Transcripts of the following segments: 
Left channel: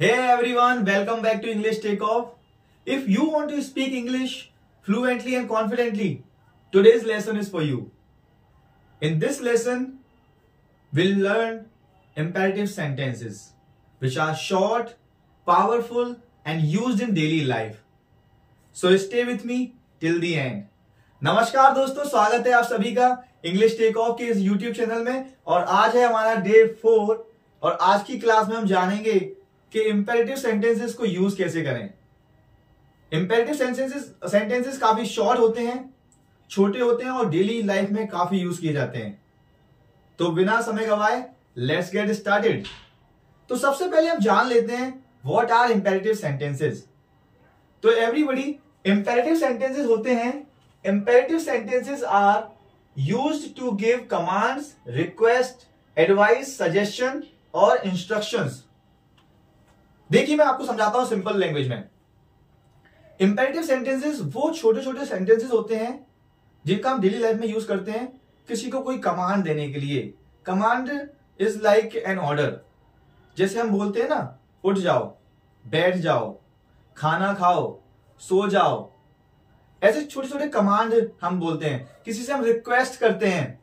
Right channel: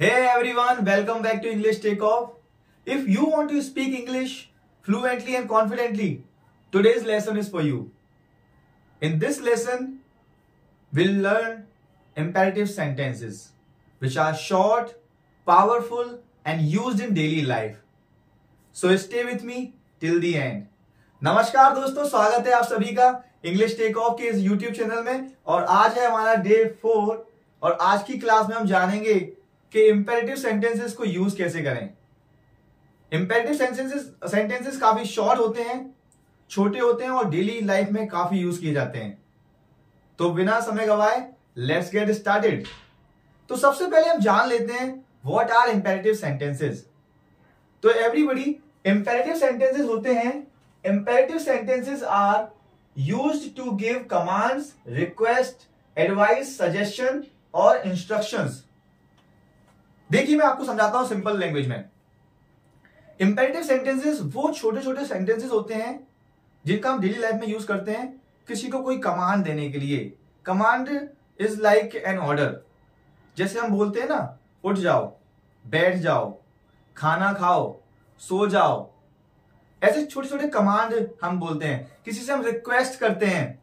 Hey everyone, welcome back to English Takeoff. If you want to speak English fluently and confidently, today's lesson is for you. In this lesson, we'll learn imperative sentences, which are short, powerful, and used in daily life. So stay with me till the end. नमस्कार दोस्तों, स्वागत है आप सभी का English take off के इस YouTube channel में। और आज है हमारा डे 4 और आज की क्लास में हम जानेंगे कि इंपेरेटिव सेंटेंसेस को यूज कैसे करें। इंपेरेटिव सेंटेंसेस काफी शॉर्ट होते हैं, छोटे होते हैं और डेली लाइफ में काफी यूज किए जाते हैं। तो बिना समय गवाए लेट्स गेट स्टार्टेड। तो सबसे पहले हम जान लेते हैं व्हाट आर इंपेरेटिव सेंटेंसेस। तो एवरीबॉडी, इंपेरेटिव सेंटेंसेस होते हैं, imperative sentences are used to give commands, request, advice, suggestion और इंस्ट्रक्शंस। देखिए मैं आपको समझाता हूं सिंपल लैंग्वेज में। इंपेरेटिव सेंटेंसेस वो छोटे छोटे सेंटेंसेस होते हैं जिनका हम डेली लाइफ में यूज करते हैं किसी को कोई कमांड देने के लिए। Command is like an order. जैसे हम बोलते हैं ना, उठ जाओ, बैठ जाओ, खाना खाओ, सो जाओ, ऐसे छोटे छोटे कमांड हम बोलते हैं। किसी से हम रिक्वेस्ट करते हैं,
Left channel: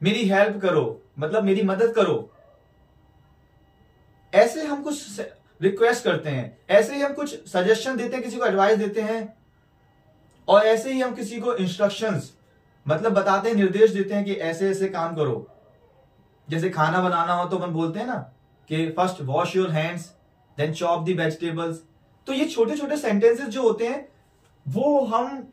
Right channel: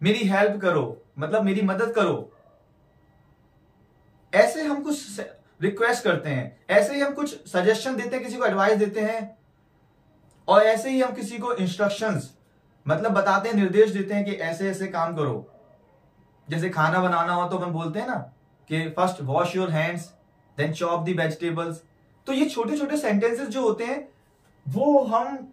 मेरी हेल्प करो, मतलब मेरी मदद करो, ऐसे हम कुछ रिक्वेस्ट करते हैं। ऐसे ही हम कुछ सजेशन देते हैं, किसी को एडवाइस देते हैं, और ऐसे ही हम किसी को इंस्ट्रक्शंस मतलब बताते हैं, निर्देश देते हैं कि ऐसे ऐसे काम करो। जैसे खाना बनाना हो तो हम बोलते हैं ना कि first wash your hands then chop the vegetables. तो ये छोटे छोटे सेंटेंसेस जो होते हैं वो हम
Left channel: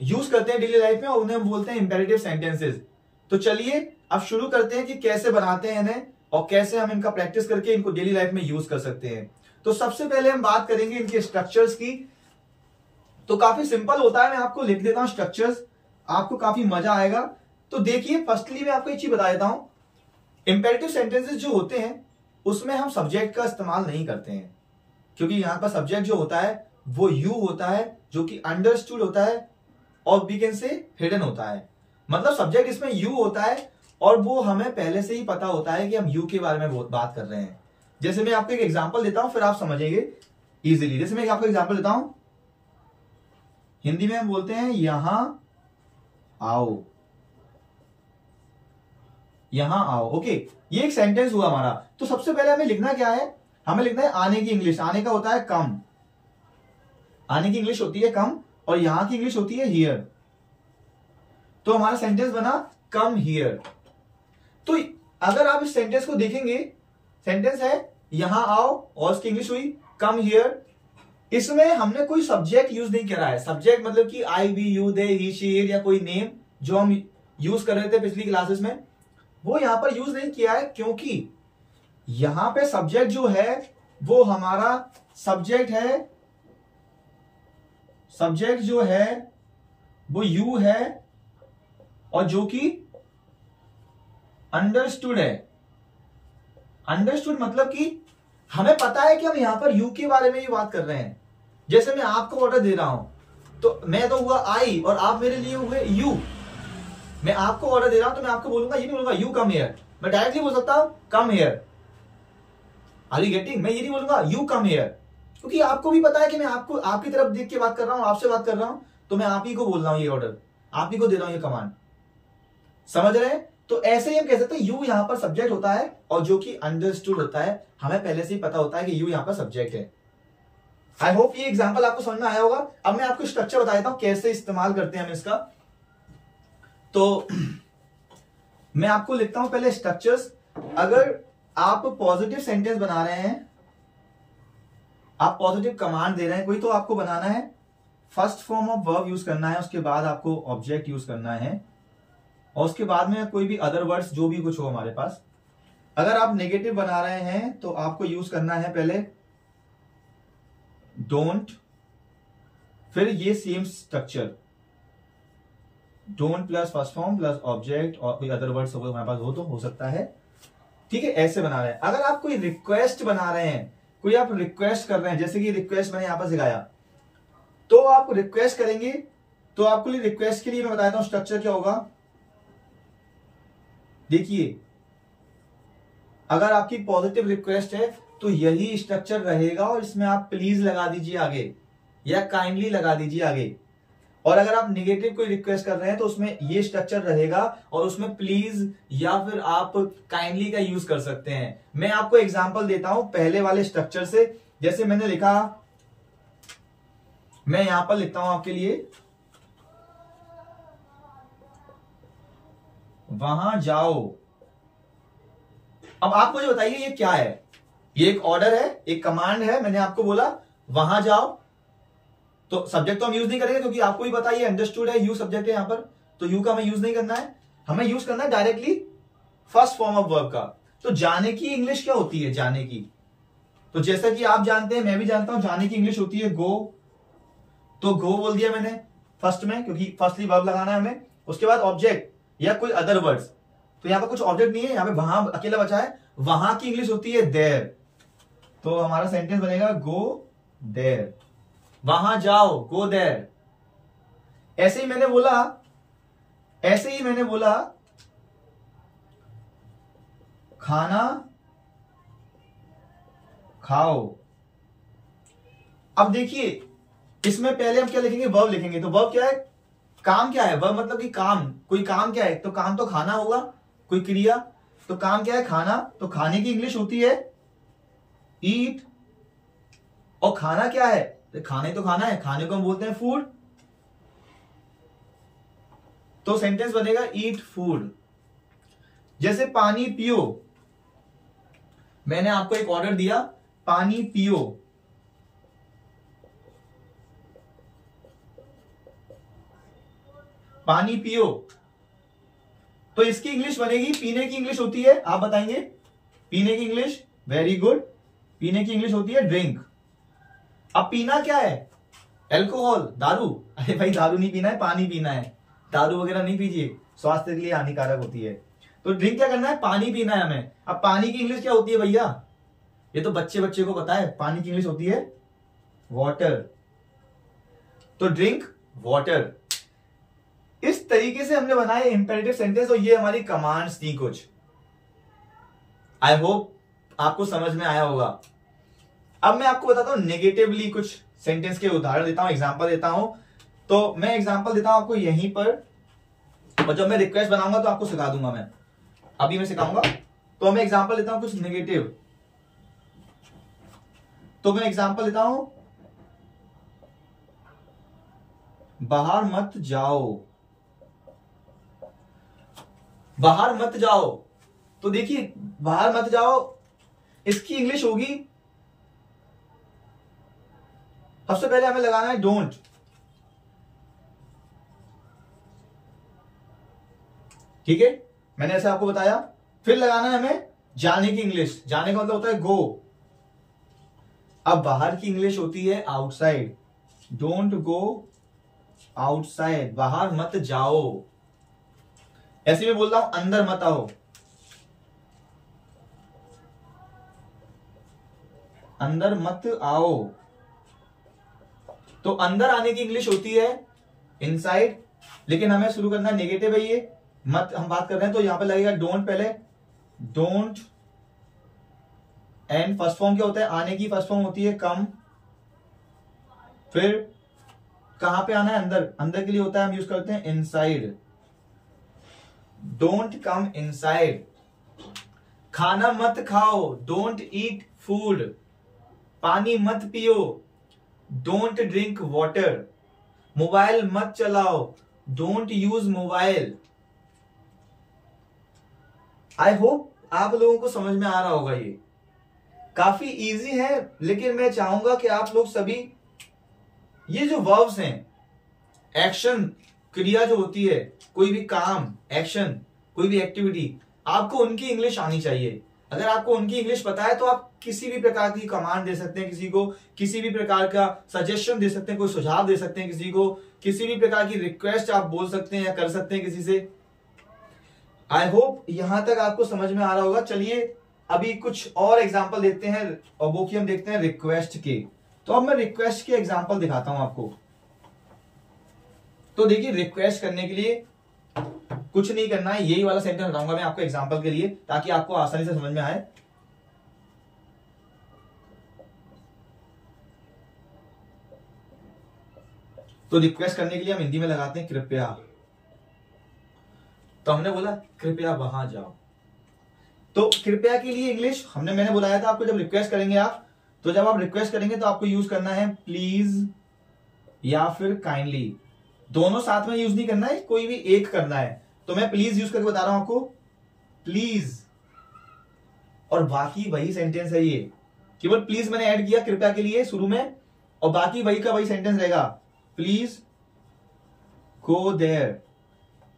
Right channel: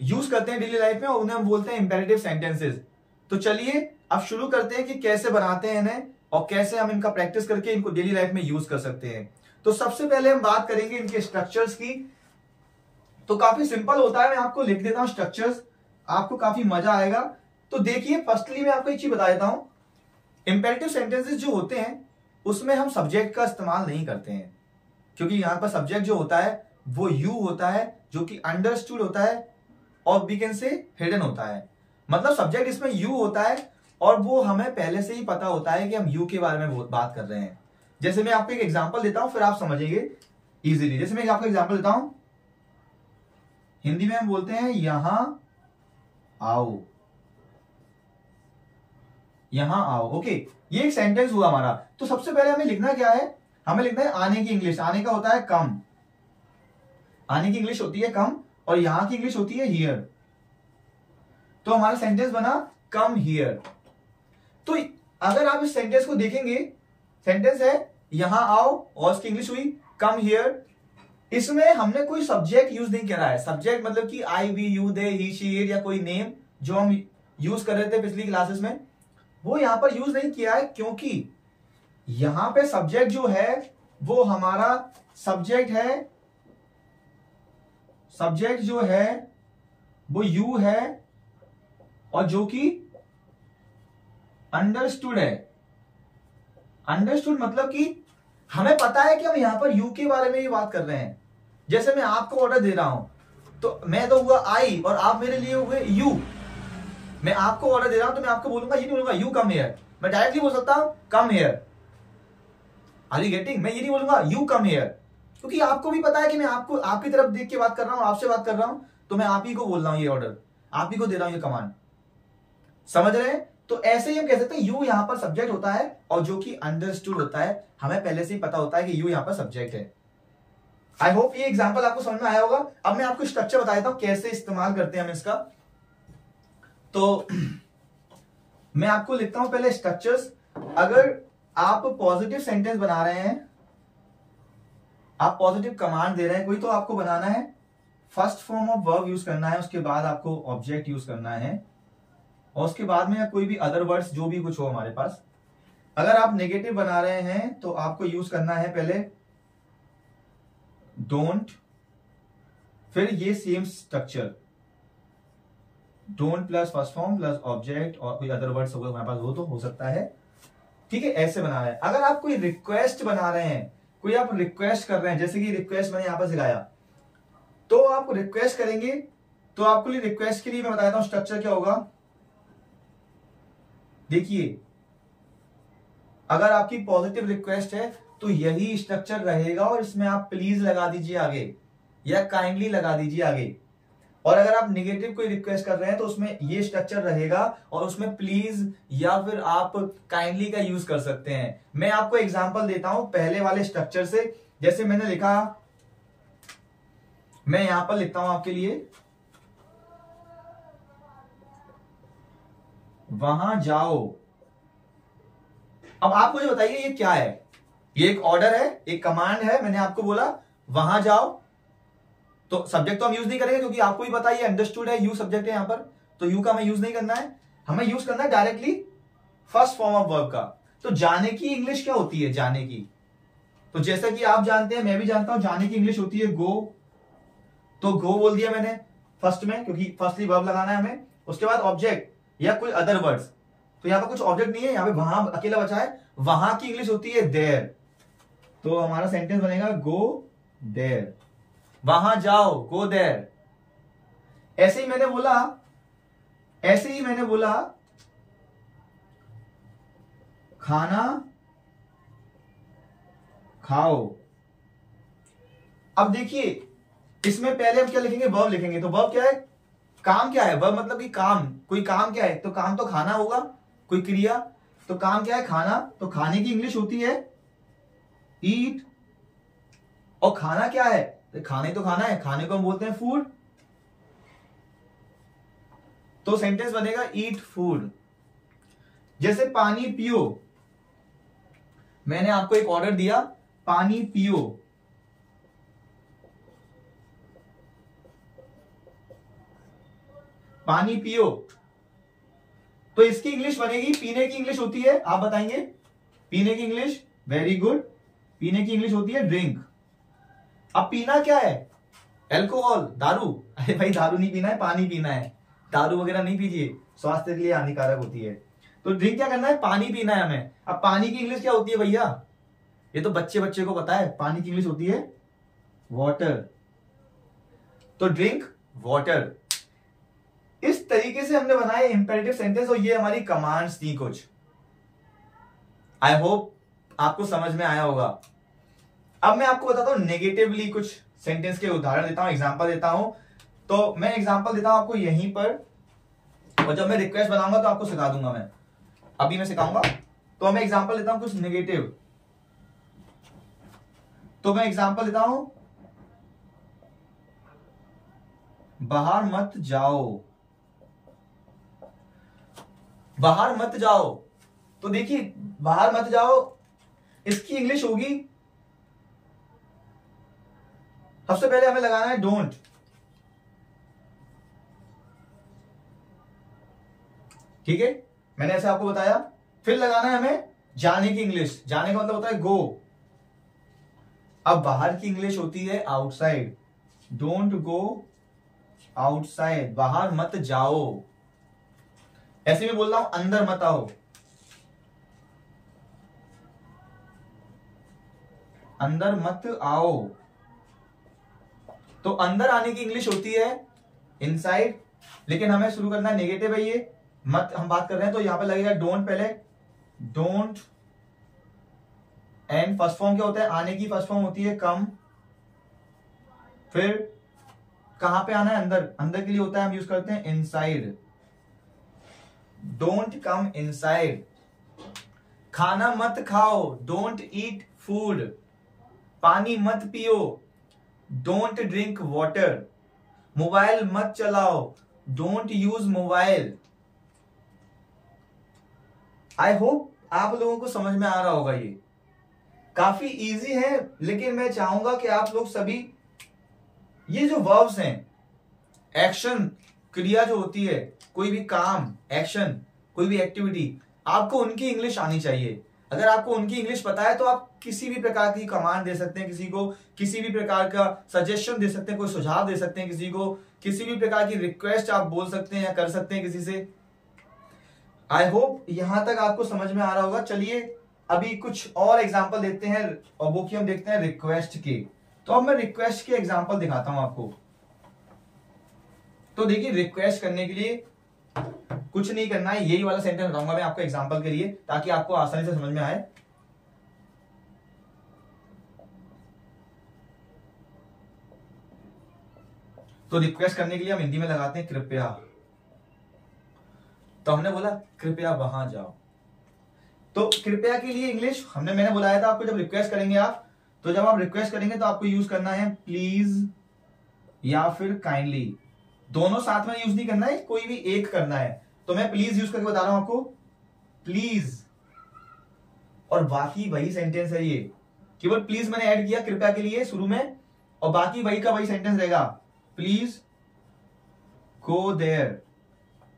यूज करते हैं डेली लाइफ में और उन्हें हम बोलते हैं इंपेरेटिव सेंटेंसेस। तो चलिए अब शुरू करते हैं कि कैसे बनाते हैं इन्हें और कैसे हम इनका प्रैक्टिस करके इनको डेली लाइफ में यूज कर सकते हैं। तो सबसे पहले हम बात करेंगे इनके स्ट्रक्चर्स की। तो काफी सिंपल होता है, मैं आपको लिख देता हूं स्ट्रक्चर्स, आपको काफी मजा आएगा। तो देखिए, फर्स्टली मैं आपको एक चीज बता देता हूं, इंपेरेटिव सेंटेंसेस जो होते हैं उसमें हम सब्जेक्ट का इस्तेमाल नहीं करते हैं, क्योंकि यहां पर सब्जेक्ट जो होता है वो यू होता है, जो कि अंडरस्टूड होता है और वी कैन से हिडन होता है। मतलब सब्जेक्ट इसमें यू होता है और वो हमें पहले से ही पता होता है कि हम यू के बारे में बहुत बात कर रहे हैं। जैसे मैं आपको एक एग्जांपल देता हूं, फिर आप समझेंगे इजीली। जैसे मैं आपको एग्जांपल देता हूं, हिंदी में हम बोलते हैं यहां आओ, यहां आओ। ओके, ये एक सेंटेंस हुआ हमारा। तो सबसे पहले हमें लिखना क्या है, हमें लिखना है आने की इंग्लिश। आने का होता है कम, आने की इंग्लिश होती है कम, और यहां की इंग्लिश होती है हियर। तो हमारा सेंटेंस बना कम हियर। तो अगर आप इस सेंटेंस को देखेंगे, सेंटेंस है यहां आओ और उसकी इंग्लिश हुई कम हियर। इसमें हमने कोई सब्जेक्ट यूज नहीं करा है। सब्जेक्ट मतलब कि I, we, you, they, he, she, it या कोई नेम जो हम यूज कर रहे थे पिछली क्लासेस में, वो यहां पर यूज नहीं किया है, क्योंकि यहां पे सब्जेक्ट जो है वो हमारा सब्जेक्ट है, सब्जेक्ट जो है वो यू है और जो कि अंडरस्टूड है। अंडरस्टूड मतलब कि हमें पता है कि हम यहां पर यू के बारे में ही बात कर रहे हैं। जैसे मैं आपको ऑर्डर दे रहा हूं तो मैं तो हुआ आई और आप मेरे लिए हुए यू। मैं आपको ऑर्डर दे रहा हूं तो मैं आपको बोलूंगा, ये नहीं बोलूंगा यू कम हियर, मैं डायरेक्टली बोल सकता हूं come here. Are you getting? मैं ये नहीं बोलूंगा यू कम हियर, क्योंकि आपको भी पता है कि मैं आपको आपकी तरफ देख के बात कर रहा हूं, आपसे बात कर रहा हूं, तो मैं आप ही को बोल रहा हूं ये ऑर्डर, आप ही को दे रहा हूं ये कमांड। समझ रहे हैं? तो ऐसे ही हम कह सकते हैं यू यहां पर सब्जेक्ट होता है और जो कि अंडरस्टूड होता है, हमें पहले से ही पता होता है कि यू यहां पर सब्जेक्ट है। आई होप ये एग्जांपल आपको समझ में आया होगा। अब मैं आपको स्ट्रक्चर बता देता हूं कैसे इस्तेमाल करते हैं हम इसका। तो मैं आपको लिखता हूं पहले स्ट्रक्चर्स। अगर आप पॉजिटिव सेंटेंस बना रहे हैं, आप पॉजिटिव कमांड दे रहे हैं कोई, तो आपको बनाना है first form of verb use करना है, उसके बाद आपको ऑब्जेक्ट यूज करना है, और उसके बाद में कोई भी अदर वर्ड्स जो भी कुछ हो हमारे पास। अगर आप नेगेटिव बना रहे हैं तो आपको यूज करना है पहले डोंट, फिर ये same structure don't plus first form plus object और कोई अदर वर्ड्स हमारे पास हो तो हो सकता है। ठीक है, ऐसे बना रहे हैं। अगर आप कोई रिक्वेस्ट बना रहे हैं, कोई आप रिक्वेस्ट कर रहे हैं, जैसे कि रिक्वेस्ट मैंने यहां पर सिखाया, तो आप रिक्वेस्ट करेंगे तो आपको लिए रिक्वेस्ट के लिए मैं बता देता हूं स्ट्रक्चर क्या होगा। देखिए, अगर आपकी पॉजिटिव रिक्वेस्ट है तो यही स्ट्रक्चर रहेगा और इसमें आप प्लीज लगा दीजिए आगे या काइंडली लगा दीजिए आगे। और अगर आप निगेटिव कोई रिक्वेस्ट कर रहे हैं तो उसमें ये स्ट्रक्चर रहेगा और उसमें प्लीज या फिर आप काइंडली का यूज कर सकते हैं। मैं आपको एग्जांपल देता हूं पहले वाले स्ट्रक्चर से। जैसे मैंने लिखा, मैं यहां पर लिखता हूं आपके लिए, वहां जाओ। अब आप मुझे बताइए ये क्या है? ये एक ऑर्डर है, एक कमांड है। मैंने आपको बोला वहां जाओ, तो सब्जेक्ट तो हम यूज नहीं करेंगे क्योंकि आपको भी पता है ये अंडरस्टूड है, यू सब्जेक्ट है यहां पर, तो यू का हमें यूज नहीं करना है। हमें यूज करना है directly first form of verb का। तो जाने की इंग्लिश क्या होती है? जाने की, तो जैसा कि आप जानते हैं, मैं भी जानता हूं, जाने की इंग्लिश होती है गो। तो गो बोल दिया मैंने फर्स्ट में क्योंकि फर्स्टली वर्ब लगाना है हमें। उसके बाद ऑब्जेक्ट या कोई अदर वर्ड्स, तो यहां पर कुछ ऑब्जेक्ट नहीं है, यहां पे वहां अकेला बचा है। वहां की इंग्लिश होती है देयर। तो हमारा सेंटेंस बनेगा गो देयर, वहां जाओ, गो देयर। ऐसे ही मैंने बोला खाना खाओ। अब देखिए इसमें पहले हम क्या लिखेंगे? वर्ब लिखेंगे। तो वर्ब क्या है? काम क्या है? वर्ब मतलब कि काम, कोई काम क्या है? तो काम तो खाना होगा, कोई क्रिया। तो काम क्या है? खाना। तो खाने की इंग्लिश होती है ईट। और खाना क्या है? खाने तो खाना है, खाने को हम बोलते हैं फूड। तो सेंटेंस बनेगा ईट फूड। जैसे पानी पियो, मैंने आपको एक ऑर्डर दिया, पानी पियो। पानी पियो, तो इसकी इंग्लिश बनेगी, पीने की इंग्लिश होती है, आप बताएंगे पीने की इंग्लिश? वेरी गुड, पीने की इंग्लिश होती है ड्रिंक। अब पीना क्या है? अल्कोहल, दारू। अरे भाई दारू नहीं पीना है, पानी पीना है। दारू वगैरह नहीं पीजिए, स्वास्थ्य के लिए हानिकारक होती है। तो ड्रिंक क्या करना है? पानी पीना है हमें। अब पानी की इंग्लिश क्या होती है भैया? ये तो बच्चे को पता है, पानी की इंग्लिश होती है वाटर। तो ड्रिंक वाटर। इस तरीके से हमने बनाए इंपेरेटिव सेंटेंस और ये हमारी कमांड्स थी कुछ। आई होप आपको समझ में आया होगा। अब मैं आपको बताता हूं नेगेटिवली कुछ सेंटेंस के उदाहरण देता हूं, एग्जांपल देता हूं। तो मैं एग्जांपल देता हूं आपको यहीं पर, और जब मैं रिक्वेस्ट बनाऊंगा तो आपको सिखा दूंगा। मैं अभी मैं सिखाऊंगा। तो मैं एग्जांपल देता हूं कुछ नेगेटिव। तो मैं एग्जांपल देता हूं, बाहर मत जाओ। बाहर मत जाओ, तो देखिए बाहर मत जाओ, इसकी इंग्लिश होगी, सबसे पहले हमें लगाना है डोंट। ठीक है, मैंने ऐसे आपको बताया। फिर लगाना है हमें जाने की इंग्लिश। जाने का मतलब होता है गो। अब बाहर की इंग्लिश होती है आउटसाइड। डोंट गो आउटसाइड, बाहर मत जाओ। ऐसे में बोल रहा हूं अंदर मत आओ। अंदर मत आओ, तो अंदर आने की इंग्लिश होती है इनसाइड। लेकिन हमें शुरू करना है नेगेटिव है ये, मत हम बात कर रहे हैं, तो यहां पे लगेगा डोंट पहले। डोंट एंड फर्स्ट फॉर्म क्या होता है? आने की फर्स्ट फॉर्म होती है कम। फिर कहां पे आना है? अंदर। अंदर के लिए होता है हम यूज करते हैं इनसाइड। Don't come inside. खाना मत खाओ, डोंट ईट फूड। पानी मत पियो, डोंट ड्रिंक वाटर। मोबाइल मत चलाओ, don't use mobile. I hope आप लोगों को समझ में आ रहा होगा। ये काफी इजी है, लेकिन मैं चाहूंगा कि आप लोग सभी ये जो वर्ब्स हैं, एक्शन, क्रिया जो होती है, कोई भी काम, एक्शन, कोई भी एक्टिविटी, आपको उनकी इंग्लिश आनी चाहिए। अगर आपको उनकी इंग्लिश पता है तो आप किसी भी प्रकार की कमांड दे सकते हैं, किसी को किसी भी प्रकार का सजेशन दे सकते हैं, कोई सुझाव दे सकते हैं किसी को, किसी भी प्रकार की रिक्वेस्ट आप बोल सकते हैं या कर सकते हैं किसी से। आई होप यहां तक आपको समझ में आ रहा होगा। चलिए अभी कुछ और एग्जाम्पल देखते हैं, और वो कि हम देखते हैं रिक्वेस्ट के। तो अब मैं रिक्वेस्ट के एग्जाम्पल दिखाता हूं आपको। तो देखिए रिक्वेस्ट करने के लिए कुछ नहीं करना है, यही वाला सेंटेंस बताऊंगा मैं आपको एग्जाम्पल के लिए, ताकि आपको आसानी से समझ में आए। तो रिक्वेस्ट करने के लिए हम हिंदी में लगाते हैं कृपया। तो हमने बोला कृपया वहां जाओ। तो कृपया के लिए इंग्लिश मैंने बुलाया था आपको, जब रिक्वेस्ट करेंगे आप, तो जब आप रिक्वेस्ट करेंगे तो आपको यूज करना है प्लीज या फिर काइंडली। दोनों साथ में यूज नहीं करना है, कोई भी एक करना है। तो मैं प्लीज यूज करके बता रहा हूं आपको, प्लीज। और बाकी वही सेंटेंस है ये, केवल प्लीज मैंने ऐड किया कृपया के लिए शुरू में, और बाकी वही का वही सेंटेंस रहेगा, प्लीज गो देयर,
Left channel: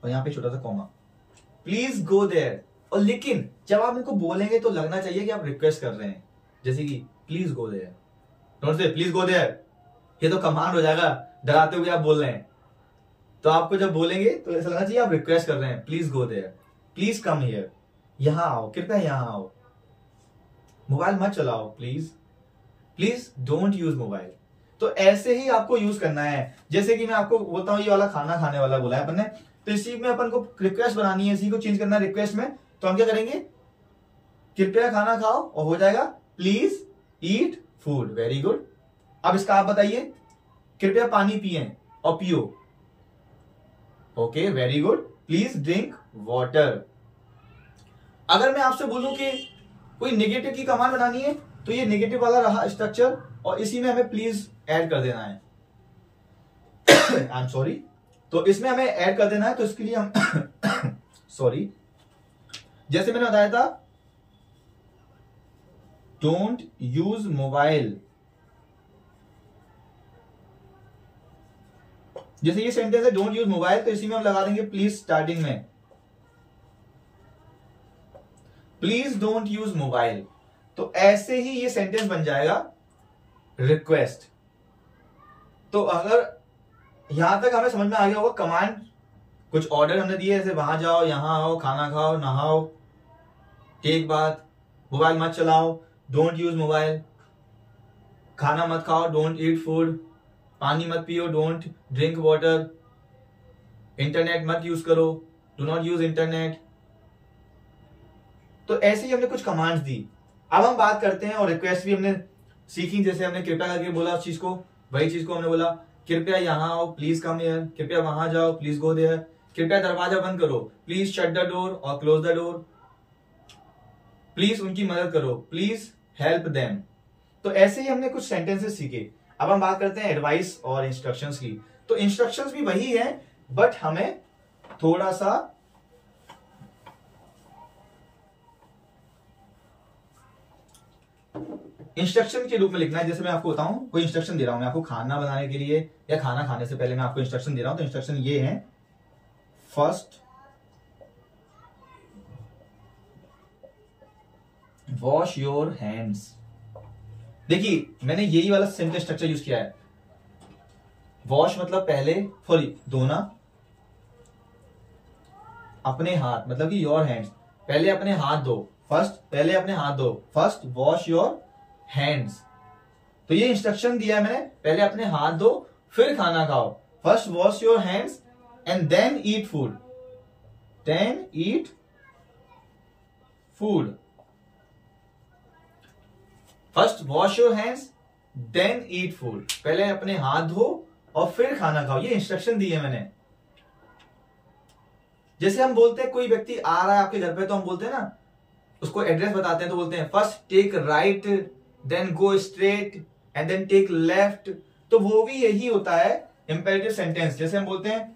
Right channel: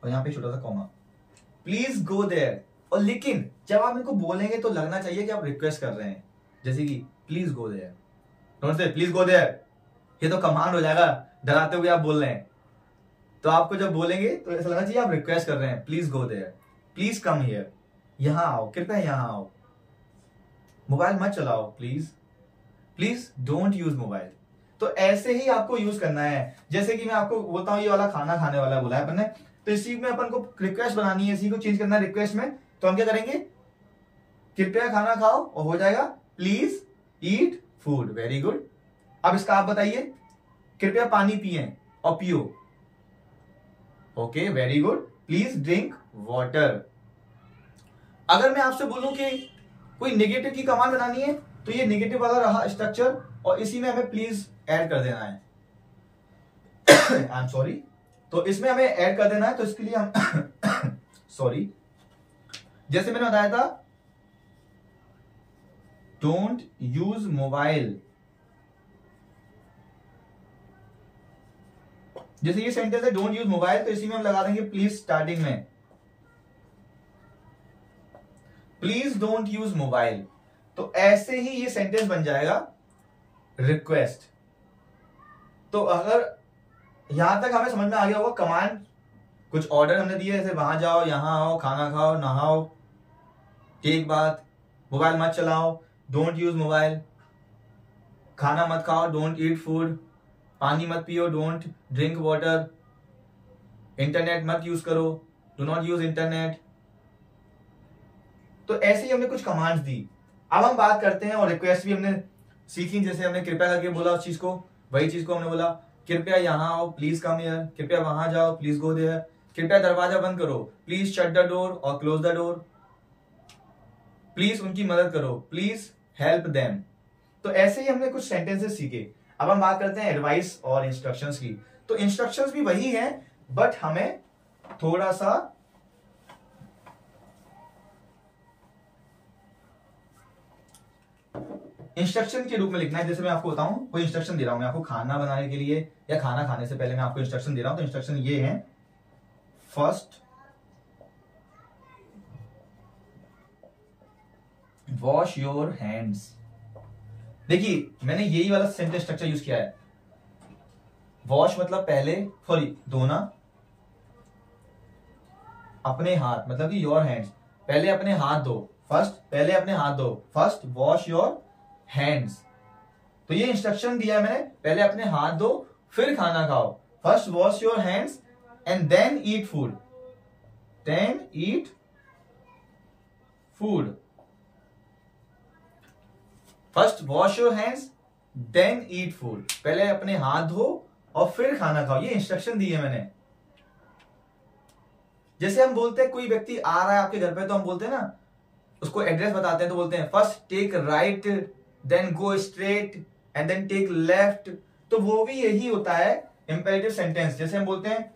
और यहां पे छोटा सा कॉमा, प्लीज गो देयर। और लेकिन जब आप इनको बोलेंगे तो लगना चाहिए कि आप रिक्वेस्ट कर रहे हैं, जैसे कि प्लीज गो देयर, नोट से प्लीज गो देयर, ये तो कमांड हो जाएगा, डराते हुए आप बोल रहे हैं। तो आपको जब बोलेंगे तो ऐसा लगना चाहिए आप रिक्वेस्ट कर रहे हैं, please go there, please come here, यहां आओ, कृपया यहां आओ, मोबाइल मत चलाओ please, please don't use mobile. तो ऐसे ही आपको यूज करना है। जैसे कि मैं आपको बोलता हूं ये वाला खाना खाने वाला बोला है अपन ने, तो इसी में अपन को रिक्वेस्ट बनानी है, इसी को चेंज करना है रिक्वेस्ट में। तो हम क्या करेंगे, कृपया खाना खाओ, और हो जाएगा please eat food, very good. अब इसका आप बताइए, कृपया पानी पिए और पियो, okay very good, please drink water. अगर मैं आपसे बोलूं कि कोई नेगेटिव की कमांड बनानी है, तो ये नेगेटिव वाला रहा स्ट्रक्चर, और इसी में हमें प्लीज ऐड कर देना है, आई एम सॉरी, तो इसमें हमें ऐड कर देना है। तो इसके लिए हम सॉरी, जैसे मैंने बताया था, डोंट यूज मोबाइल, जैसे ये सेंटेंस है डोंट यूज मोबाइल, तो इसी में हम लगा देंगे प्लीज स्टार्टिंग में, प्लीज डोंट यूज मोबाइल। तो ऐसे ही ये सेंटेंस बन जाएगा रिक्वेस्ट। तो अगर यहां तक हमें समझ में आ गया होगा, कमांड कुछ ऑर्डर हमने दिए, जैसे वहां जाओ, यहां आओ, खाना खाओ, नहाओ, टेक बात, मोबाइल मत चलाओ, डोंट यूज मोबाइल, खाना मत खाओ, डोंट ईट फूड, पानी मत पियो, डोंट ड्रिंक वाटर, इंटरनेट मत यूज करो, डू नॉट यूज इंटरनेट। तो ऐसे ही हमने कुछ कमांड्स दी। अब हम बात करते हैं, और रिक्वेस्ट भी हमने सीखी, जैसे हमने कृपया करके बोला उस चीज को, वही चीज को हमने बोला कृपया यहां आओ, प्लीज कम हियर, कृपया वहां जाओ, प्लीज गो देयर, कृपया दरवाजा बंद करो, प्लीज शट द डोर और क्लोज द डोर, प्लीज उनकी मदद करो, प्लीज हेल्प देम। तो ऐसे ही हमने कुछ सेंटेंसेस सीखे। अब हम बात करते हैं एडवाइस और इंस्ट्रक्शंस की। तो इंस्ट्रक्शंस भी वही हैं, बट हमें थोड़ा सा इंस्ट्रक्शन के रूप में लिखना है। जैसे मैं आपको बताऊं, कोई इंस्ट्रक्शन दे रहा हूं मैं आपको खाना बनाने के लिए, या खाना खाने से पहले मैं आपको इंस्ट्रक्शन दे रहा हूं, तो इंस्ट्रक्शन ये है, फर्स्ट वॉश योर हैंड्स। देखिए मैंने यही वाला सेंटेंस स्ट्रक्चर यूज किया है, वॉश मतलब पहले, सॉरी धोना, अपने हाथ मतलब कि योर हैंड्स, पहले अपने हाथ धो, फर्स्ट पहले अपने हाथ धो, फर्स्ट वॉश योर हैंड्स। तो ये इंस्ट्रक्शन दिया मैंने, पहले अपने हाथ धो फिर खाना खाओ, first wash your hands and then eat food, then eat food, first wash your hands then eat food, पहले अपने हाथ धो और फिर खाना खाओ। ये इंस्ट्रक्शन दी है मैंने। जैसे हम बोलते हैं कोई व्यक्ति आ रहा है आपके घर पे, तो हम बोलते हैं ना, उसको एड्रेस बताते हैं तो बोलते हैं first take right, then go straight and then take left. तो वो भी यही होता है इंपेरेटिव सेंटेंस। जैसे हम बोलते हैं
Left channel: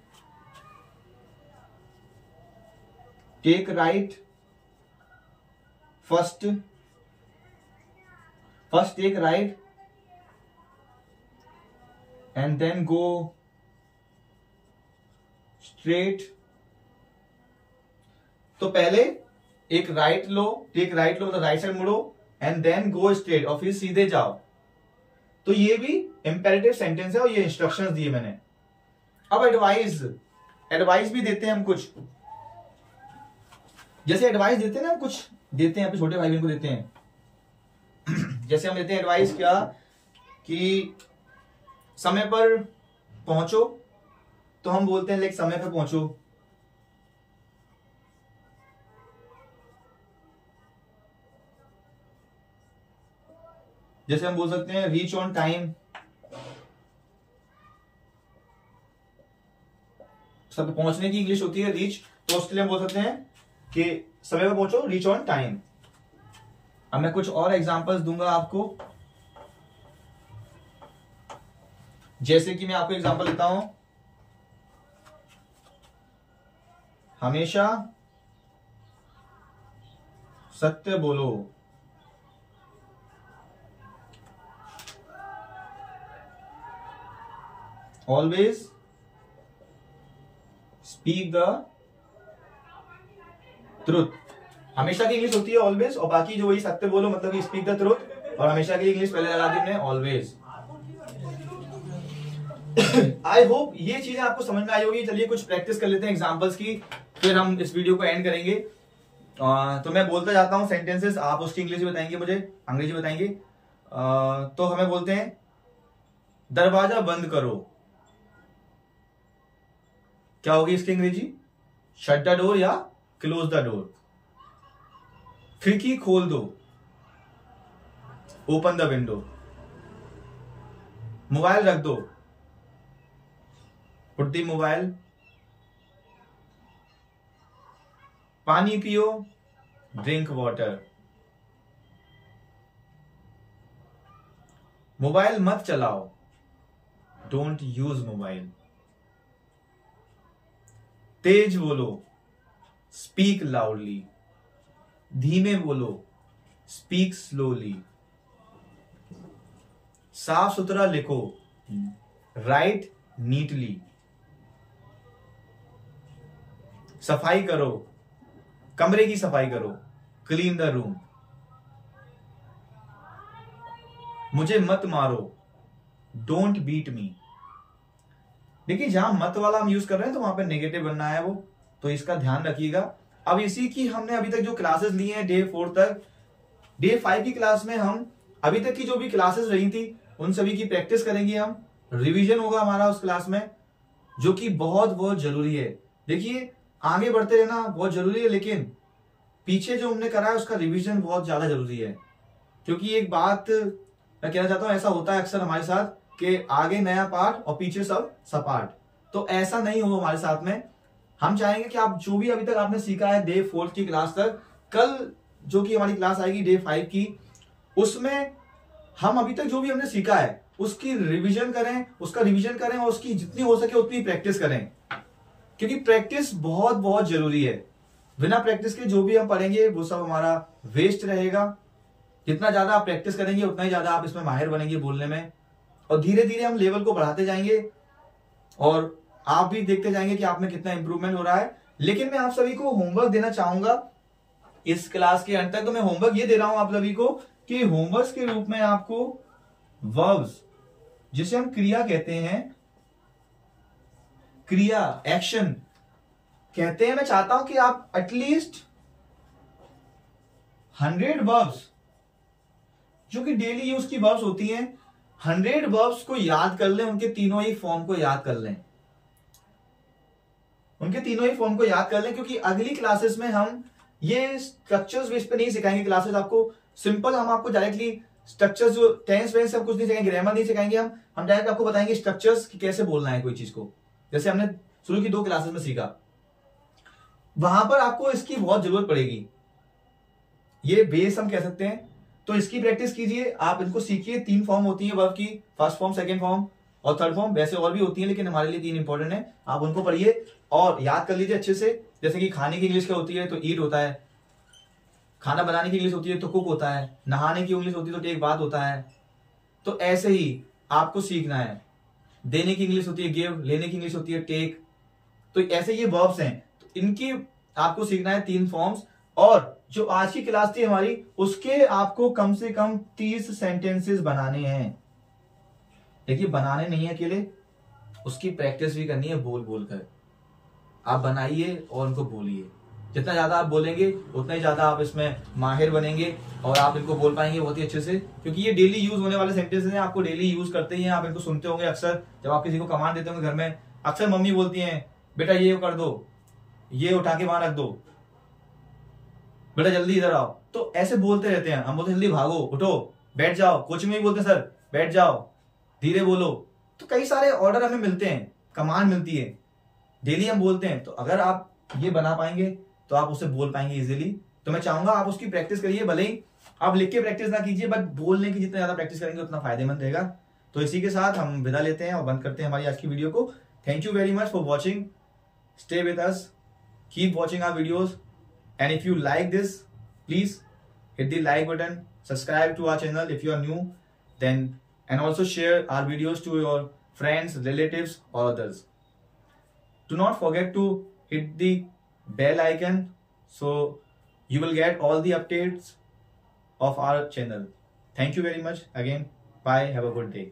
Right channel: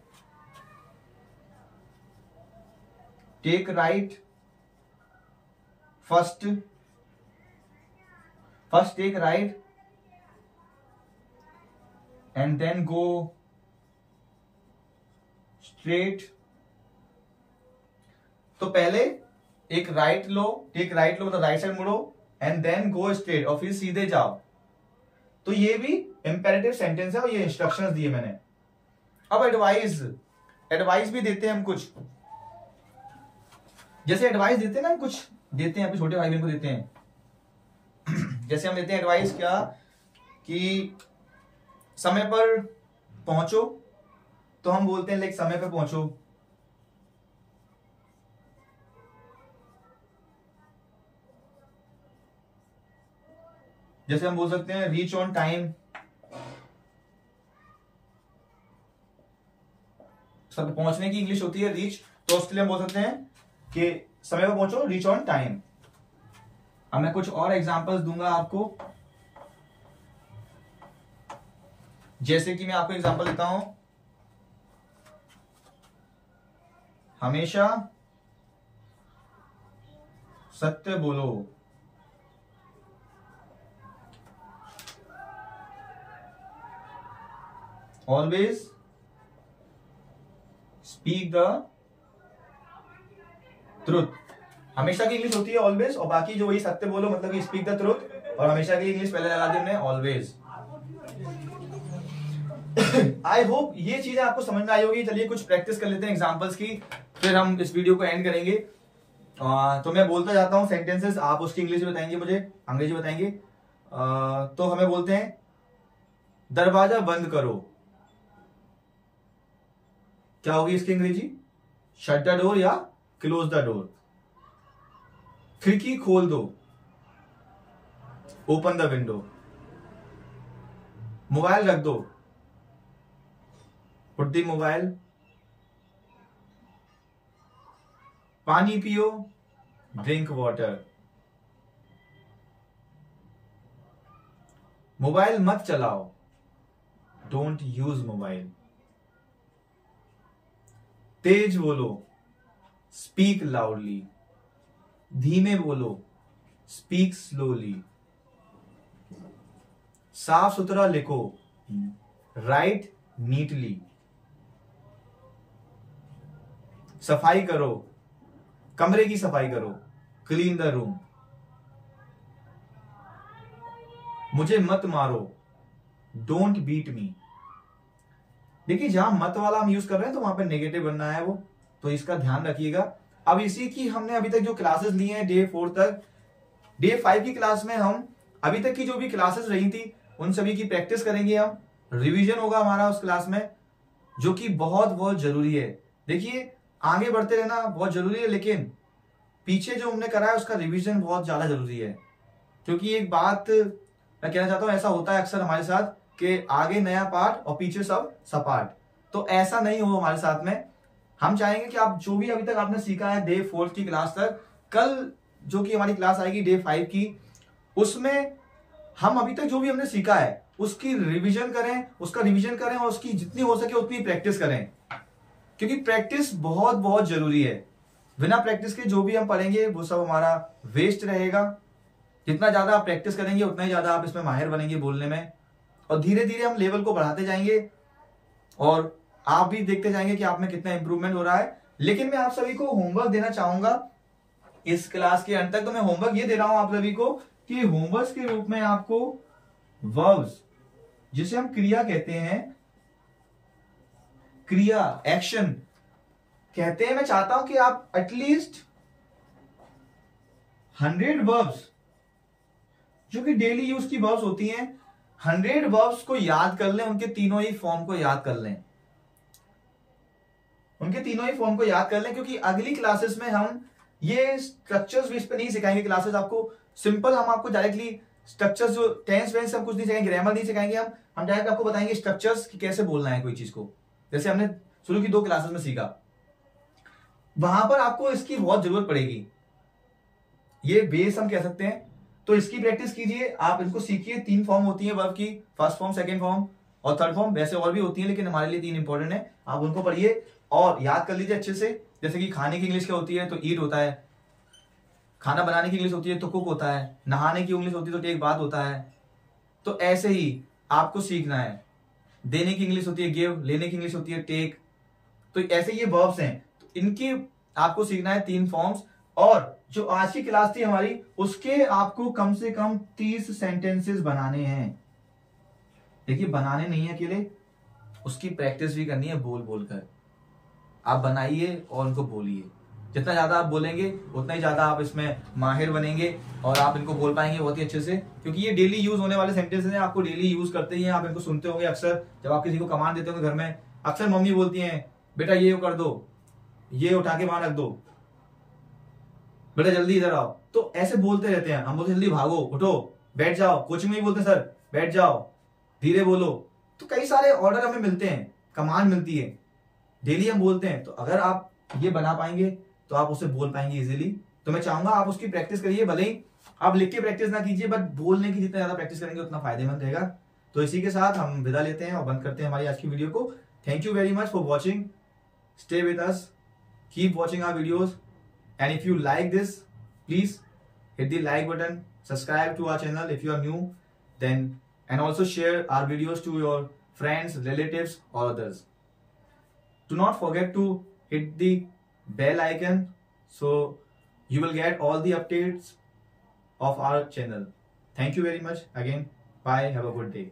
take right, first take right and then go straight. तो पहले एक राइट लो, टेक राइट लो मतलब राइट साइड मुड़ो, एंड देन गो स्ट्रेट और फिर सीधे जाओ। तो ये भी इंपेरेटिव सेंटेंस है और ये इंस्ट्रक्शंस दिए मैंने। अब एडवाइस भी देते हैं हम कुछ, जैसे एडवाइस देते हैं ना, हम कुछ देते हैं अपने छोटे भाई बहन को देते हैं। जैसे हम देते हैं एडवाइस क्या, कि समय पर पहुंचो, तो हम बोलते हैं लाइक समय पर पहुंचो, जैसे हम बोल सकते हैं रीच ऑन टाइम, सब पहुंचने की इंग्लिश होती है रीच, तो उसके लिए हम बोल सकते हैं कि समय पर पहुंचो, रीच ऑन टाइम। अब मैं कुछ और एग्जांपल्स दूंगा आपको, जैसे कि मैं आपको एग्जांपल देता हूं, हमेशा सत्य बोलो। Always speak the truth. हमेशा की इंग्लिश होती है ऑलवेज, और बाकी जो वही सत्य बोलो मतलब कि स्पीक द ट्रुथ, और हमेशा की इंग्लिश पहले लगा दी हमने ऑलवेज। आई होप ये चीजें आपको समझ में आई होगी। चलिए कुछ प्रैक्टिस कर लेते हैं एग्जांपल्स की, फिर हम इस वीडियो को एंड करेंगे। तो मैं बोलता जाता हूं सेंटेंसेस, आप उसकी इंग्लिश बताएंगे, मुझे अंग्रेजी बताएंगे। तो हमें बोलते हैं दरवाजा बंद करो, क्या होगी इसकी अंग्रेजी? शट द डोर या क्लोज द डोर। खिड़की खोल दो, ओपन द विंडो। मोबाइल रख दो, पुट द मोबाइल। पानी पियो, ड्रिंक वाटर। मोबाइल मत चलाओ, डोंट यूज मोबाइल। तेज बोलो, स्पीक लाउडली। धीमे बोलो, स्पीक स्लोली। साफ सुथरा लिखो, राइट नीटली। सफाई करो, कमरे की सफाई करो, क्लीन द रूम। मुझे मत मारो, डोंट बीट मी। देखिए जहां मत वाला हम यूज कर रहे हैं तो वहां पे नेगेटिव बनना है वो, तो इसका ध्यान रखिएगा। अब इसी की हमने अभी तक जो क्लासेस ली हैं डे 4 तक, डे 5 की क्लास में हम अभी तक की जो भी क्लासेस रही थी उन सभी की प्रैक्टिस करेंगे हम। रिवीजन होगा हमारा उस क्लास में, जो कि बहुत बहुत जरूरी है। देखिए आगे बढ़ते रहना बहुत जरूरी है, लेकिन पीछे जो हमने करा है उसका रिवीजन बहुत ज्यादा जरूरी है। क्योंकि एक बात मैं कहना चाहता हूं, ऐसा होता है अक्सर हमारे साथ कि आगे नया पार्ट और पीछे सब सपाट, तो ऐसा नहीं हो हमारे साथ में। हम चाहेंगे कि आप जो भी अभी तक आपने सीखा है डे 4 की क्लास तक, कल जो कि हमारी क्लास आएगी डे 5 की, उसमें हम अभी तक जो भी हमने सीखा है उसकी रिवीजन करें, उसका रिवीजन करें और उसकी जितनी हो सके उतनी प्रैक्टिस करें, क्योंकि प्रैक्टिस बहुत बहुत जरूरी है। बिना प्रैक्टिस के जो भी हम पढ़ेंगे वो सब हमारा वेस्ट रहेगा। जितना ज्यादा आप प्रैक्टिस करेंगे उतना ही ज्यादा आप इसमें माहिर बनेंगे बोलने में, और धीरे धीरे हम लेवल को बढ़ाते जाएंगे और आप भी देखते जाएंगे कि आप में कितना इंप्रूवमेंट हो रहा है। लेकिन मैं आप सभी को होमवर्क देना चाहूंगा इस क्लास के अंत तक। तो मैं होमवर्क ये दे रहा हूं आप सभी को कि होमवर्क के रूप में आपको वर्ब्स, जिसे हम क्रिया कहते हैं, क्रिया एक्शन कहते हैं, मैं चाहता हूं कि आप एटलीस्ट 100 वर्ब्स जो कि डेली यूज की वर्ब्स होती हैं, 100 वर्ब्स को याद कर लें, उनके तीनों ही फॉर्म को याद कर लें, उनके तीनों ही फॉर्म को याद कर लें। क्योंकि अगली क्लासेस में हम ये स्ट्रक्चर्स बेस पे नहीं सिखाएंगे। क्लासेस आपको सिंपल, हम आपको डायरेक्टली स्ट्रक्चर्स जो टेंस वेंस सब कुछ नहीं सिखाएंगे, ग्रामर नहीं सिखाएंगे, हम डायरेक्ट आपको बताएंगे स्ट्रक्चर्स कि कैसे बोलना है कोई चीज को, जैसे हमने शुरू की 2 क्लासेस में सीखा। वहां पर आपको इसकी बहुत जरूरत पड़ेगी, ये बेस हम कह सकते हैं। तो इसकी प्रैक्टिस कीजिए, आप इनको सीखिए। 3 फॉर्म होती है वर्ब की, फर्स्ट फॉर्म, सेकंड फॉर्म और थर्ड फॉर्म। वैसे और भी होती है लेकिन हमारे लिए 3 इंपॉर्टेंट है, आप उनको पढ़िए और याद कर लीजिए अच्छे से। जैसे कि खाने की इंग्लिश क्या होती है, तो ईट होता है। खाना बनाने की इंग्लिश होती है तो कुक होता है। नहाने की इंग्लिश होती है तो टेक बात होता है। तो ऐसे ही आपको सीखना है। देने की इंग्लिश होती है गिव, लेने की इंग्लिश होती है टेक। तो ऐसे ये वर्ब्स हैं, तो इनके आपको सीखना है 3 फॉर्म्स। और जो आज की क्लास थी हमारी, उसके आपको कम से कम 30 सेंटेंसेस बनाने हैं। देखिए बनाने नहीं है अकेले, उसकी प्रैक्टिस भी करनी है बोल बोल कर। आप बनाइए और उनको बोलिए। जितना ज्यादा आप बोलेंगे उतना ही ज्यादा आप इसमें माहिर बनेंगे और आप इनको बोल पाएंगे बहुत ही अच्छे से। क्योंकि ये डेली यूज होने वाले सेंटेंसेस हैं, आपको डेली यूज करते ही हैं। आप इनको सुनते होंगे अक्सर, जब आप किसी को कमांड देते होंगे घर में, अक्सर मम्मी बोलती हैं बेटा ये कर दो, ये उठा के वहां रख दो, बेटा जल्दी इधर आओ। तो ऐसे बोलते रहते हैं। हम बोलते जल्दी भागो, उठो, बैठ जाओ। कोचिंग में भी बोलते हैं सर बैठ जाओ, धीरे बोलो। तो कई सारे ऑर्डर हमें मिलते हैं, कमांड मिलती है। डेली हम बोलते हैं, तो अगर आप ये बना पाएंगे तो आप उसे बोल पाएंगे इजीली। तो मैं चाहूंगा आप उसकी प्रैक्टिस करिए, भले ही आप लिख के प्रैक्टिस ना कीजिए, बट बोलने की जितना ज्यादा प्रैक्टिस करेंगे उतना फायदेमंद रहेगा। तो इसी के साथ हम विदा लेते हैं और बंद करते हैं हमारी आज की वीडियो को। Thank you very much for watching, stay with us, keep watching our videos, and if you like this, please hit the like button, subscribe to our channel if you are new, then and also share our videos to your friends, relatives or others. Do not forget to hit the bell icon so you will get all the updates of our channel. Thank you very much again. Bye. Have a good day.